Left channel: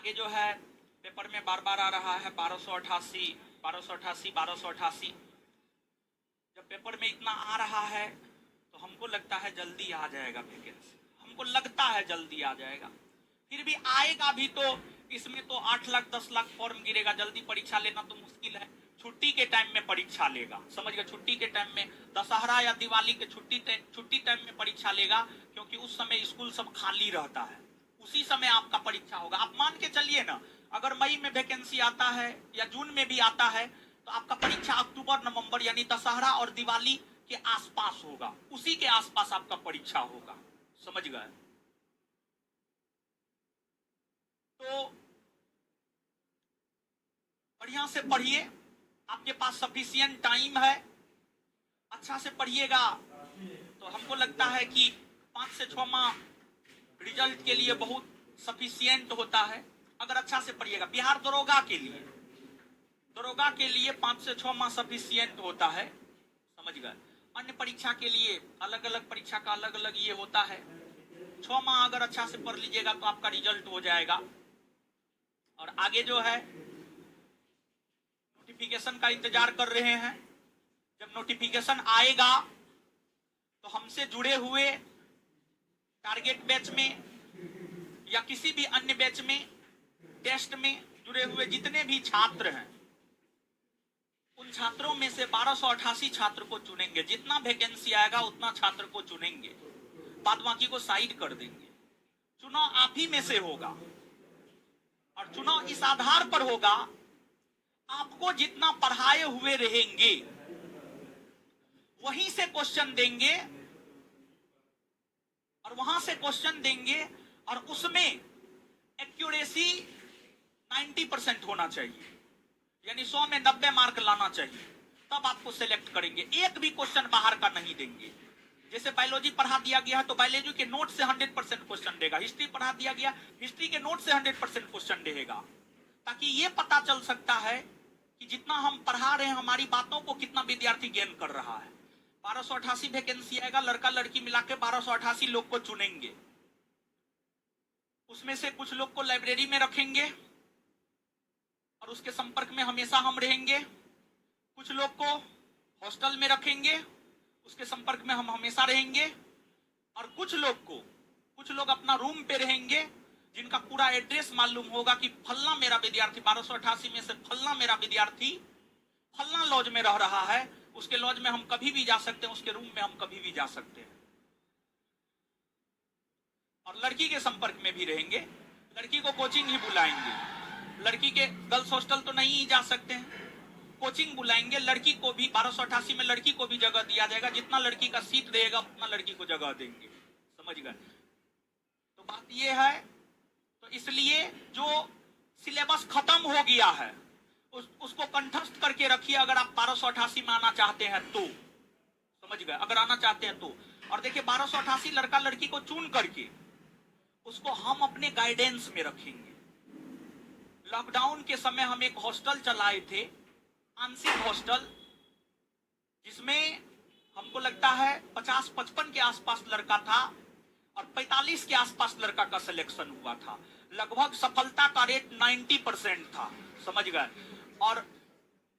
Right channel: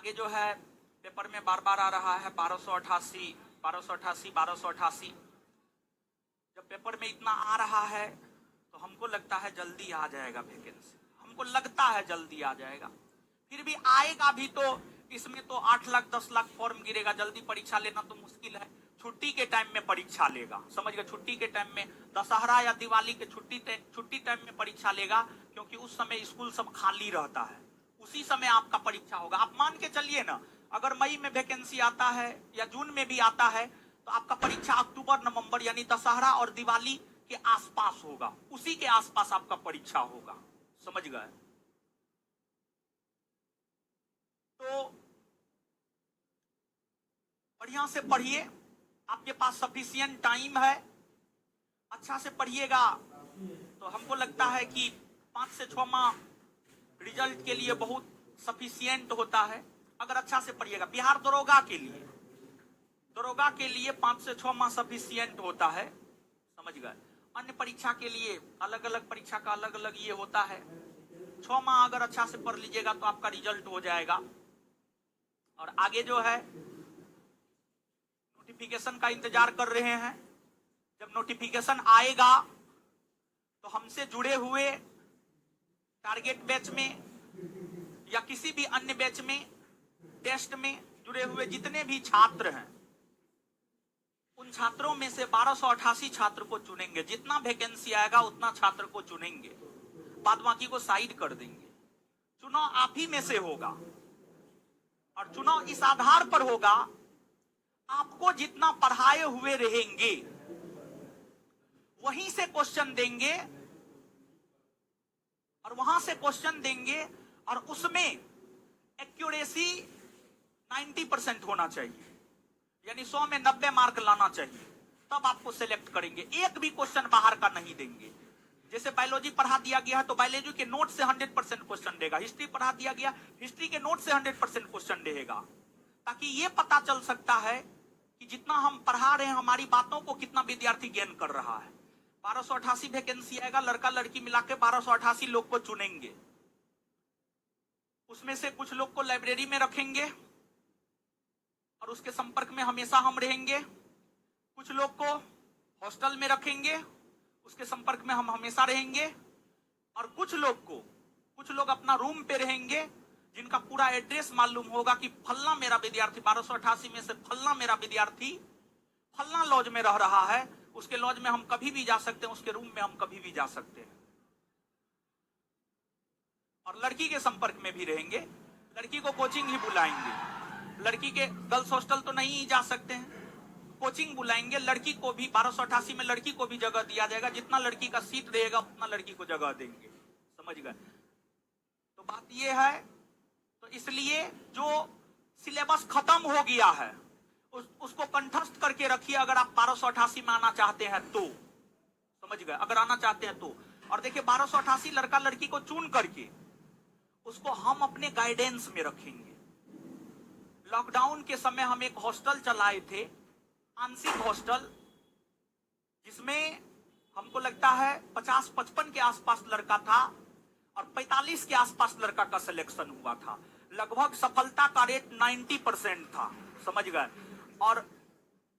आगे जो है पेपर में बार बार आ रहा है 1288 1288 1288। जब पेपर में इतना आ रहा है तो हमको लगता है जल्दी आ जाएगा वैकेंसी, हमको लगता है जल्दी आ जाएगा, फिर भी आएगा भी तो इसमें तो 8 लाख 10 लाख फॉर्म गिरेगा। जल्दी परीक्षा लेना तो मुश्किल है, छुट्टी के टाइम में परीक्षा लेगा, समझ गए, छुट्टी के टाइम में, दशहरा या दिवाली के छुट्टी टाइम में परीक्षा लेगा, क्योंकि उस समय स्कूल सब खाली रहता है, उसी समय आपका परीक्षा होगा। आप मान के चलिए ना, अगर मई में वैकेंसी आता है या जून में भी आता है तो आपका परीक्षा अक्टूबर नवंबर यानी दशहरा और दिवाली के आसपास होगा, उसी के आसपास आपका परीक्षा होगा, समझ गए। तो बढ़िया से पढ़िए, आपके पास सफिशिएंट टाइम है, अच्छा से पढ़िएगा तो हमको लगता है कि 5 से 6 माह रिजल्ट के लिए बहुत सफिशिएंट होता है, अगर अच्छा से पढ़िएगा। बिहार दरोगा के लिए 5 से 6 माह सफिशिएंट होता है, समझ गए। अन्य परीक्षा के लिए अलग अलग परीक्षा का अलग अलग ये होता है। 6 माह अगर अच्छा से पढ़ लीजिएगा तो आपका रिजल्ट हो जाएगा। और आगे जो है नोटिफिकेशन का इंतजार कर रहे हैं, जब नोटिफिकेशन आएगा तो हमसे जुड़े हुए टारगेट बैच में या किसी भी अन्य बैच में टेस्ट में जुड़े हुए जितने भी छात्र हैं, उन छात्रों में से 1288 छात्र को चुनेंगे। जितना वैकेंसी आएगा उतना छात्र को चुनेंगे, बाद बाकी को साइड कर देंगे। चुनाव आप ही में से होगा और चुनाव इस आधार पर होगा, आपको जितना पढ़ाए हुए रहेंगे वहीं से क्वेश्चन देंगे और वहां से क्वेश्चन देंगे और उसमें एक्यूरेसी 90% होना चाहिए, यानी 100 में 90 मार्क लाना चाहिए, तब आपको सिलेक्ट करेंगे। एक भी क्वेश्चन बाहर का नहीं देंगे। जैसे बायोलॉजी पढ़ा दिया गया है तो बायोलॉजी के नोट से 100% क्वेश्चन देगा, हिस्ट्री पढ़ा दिया गया हिस्ट्री के नोट से 100% क्वेश्चन देगा, ताकि ये पता चल सकता है कि जितना हम पढ़ा रहे हैं हमारी बातों को कितना विद्यार्थी गेन कर रहा है। 1288 वैकेंसी आएगा, लड़का लड़की मिला के 1288 लोग को चुनेंगे, उसमें से कुछ लोग को लाइब्रेरी में रखेंगे और उसके संपर्क में हमेशा हम रहेंगे, कुछ लोग को हॉस्टल में रखेंगे, उसके संपर्क में हम हमेशा रहेंगे, और कुछ लोग अपना रूम पे रहेंगे, जिनका पूरा एड्रेस मालूम होगा कि फलना मेरा विद्यार्थी 1288 में से फलना मेरा विद्यार्थी फलना लॉज में रह रहा है, उसके लॉज में हम कभी भी जा सकते हैं, उसके रूम में हम कभी भी जा सकते हैं। और लड़की के संपर्क में भी रहेंगे, लड़की को कोचिंग ही बुलाएंगे, लड़की के गर्ल्स हॉस्टल तो नहीं जा सकते हैं, कोचिंग बुलाएंगे। लड़की को भी 1288 में लड़की को भी जगह दिया जाएगा, जितना लड़की का सीट रहेगा उतना लड़की को जगह देंगे, समझ गए। तो बात यह है, तो इसलिए जो सिलेबस खत्म हो गया है उसको कंठस्थ करके रखिए, अगर आप 1288 में आना चाहते हैं तो, समझ गए, अगर आना चाहते हैं तो। और देखिए 1288 लड़का लड़की को चुन करके उसको हम अपने गाइडेंस में रखेंगे। लॉकडाउन के समय हम एक हॉस्टल चलाए थे, आंशिक हॉस्टल, जिसमें हमको लगता है 50-55 के आसपास लड़का था और 45 के आसपास लड़का का सिलेक्शन हुआ था। लगभग सफलता का रेट 90% था, समझ गए। और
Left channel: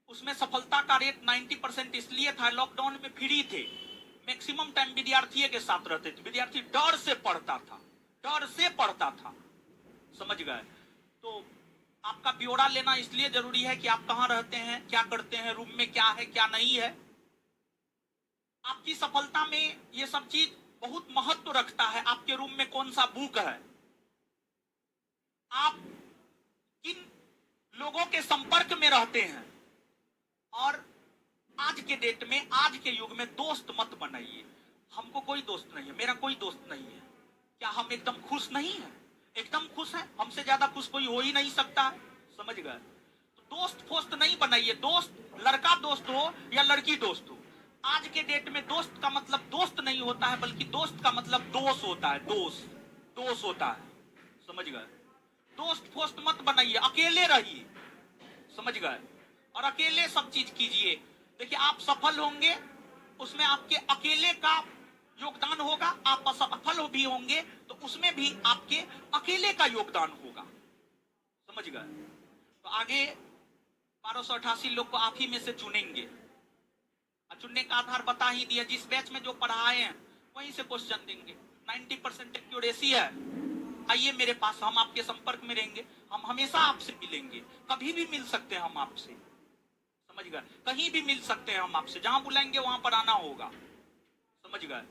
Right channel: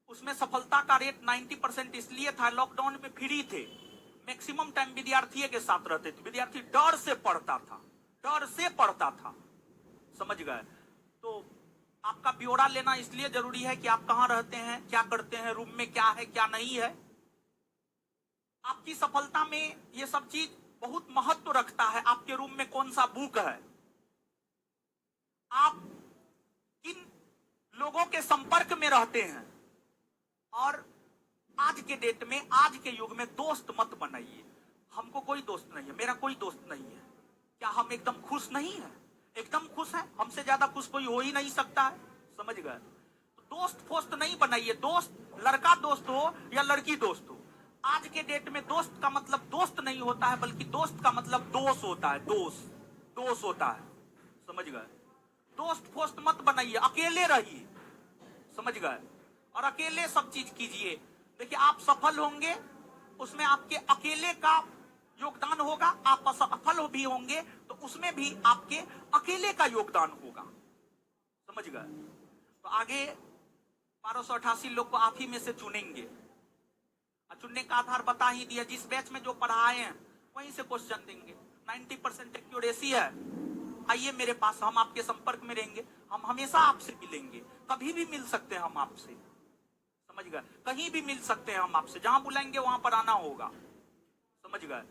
उसमें सफलता का रेट 90% इसलिए था, लॉकडाउन में फ्री थे, मैक्सिमम टाइम विद्यार्थी के साथ रहते थे, विद्यार्थी डर से पढ़ता था, समझ गए। तो आपका ब्यौरा लेना इसलिए जरूरी है कि आप कहां रहते हैं, क्या करते हैं, रूम में क्या है क्या नहीं है। आपकी सफलता में ये सब चीज बहुत महत्व रखता है। आपके रूम में कौन सा बुक है, आप किन लोगों के संपर्क में रहते हैं, और आज के डेट में, आज के युग में दोस्त मत बनाइए। हमको कोई दोस्त नहीं है, मेरा कोई दोस्त नहीं है, क्या हम एकदम खुश नहीं है? एकदम खुश है, हमसे ज्यादा खुश कोई हो ही नहीं सकता है, समझ गए। तो दोस्त फोस्त नहीं बनाइए, दोस्त लड़का दोस्त हो या लड़की दोस्त हो, आज के डेट में दोस्त का मतलब दोस्त नहीं होता है, बल्कि दोस्त का मतलब दोस्त होता है, दोस्त होता है, समझ गए। दोस्त फोस्त मत बनाइए, अकेले रहिए, समझ गए, और अकेले सब चीज कीजिए। देखिए आप सफल होंगे उसमें आपके अकेले का योगदान होगा, आप असफल भी होंगे तो उसमें भी आपके अकेले का योगदान होगा। गए? तो आगे 1288 लोग को आप ही में से चुनेंगे, और चुनने का आधार बता ही दिया, जिस बैच में जो पढ़ाए हैं वहीं से क्वेश्चन देंगे। 90% एक्यूरेसी है। आइए मेरे पास, हम आपके संपर्क में रहेंगे, हम हमेशा आपसे मिलेंगे, कभी भी मिल सकते हैं हम आपसे, समझ गए? कहीं भी मिल सकते हैं हम आपसे, जहां बुलाएंगे वहां पर आना होगा, समझ गए?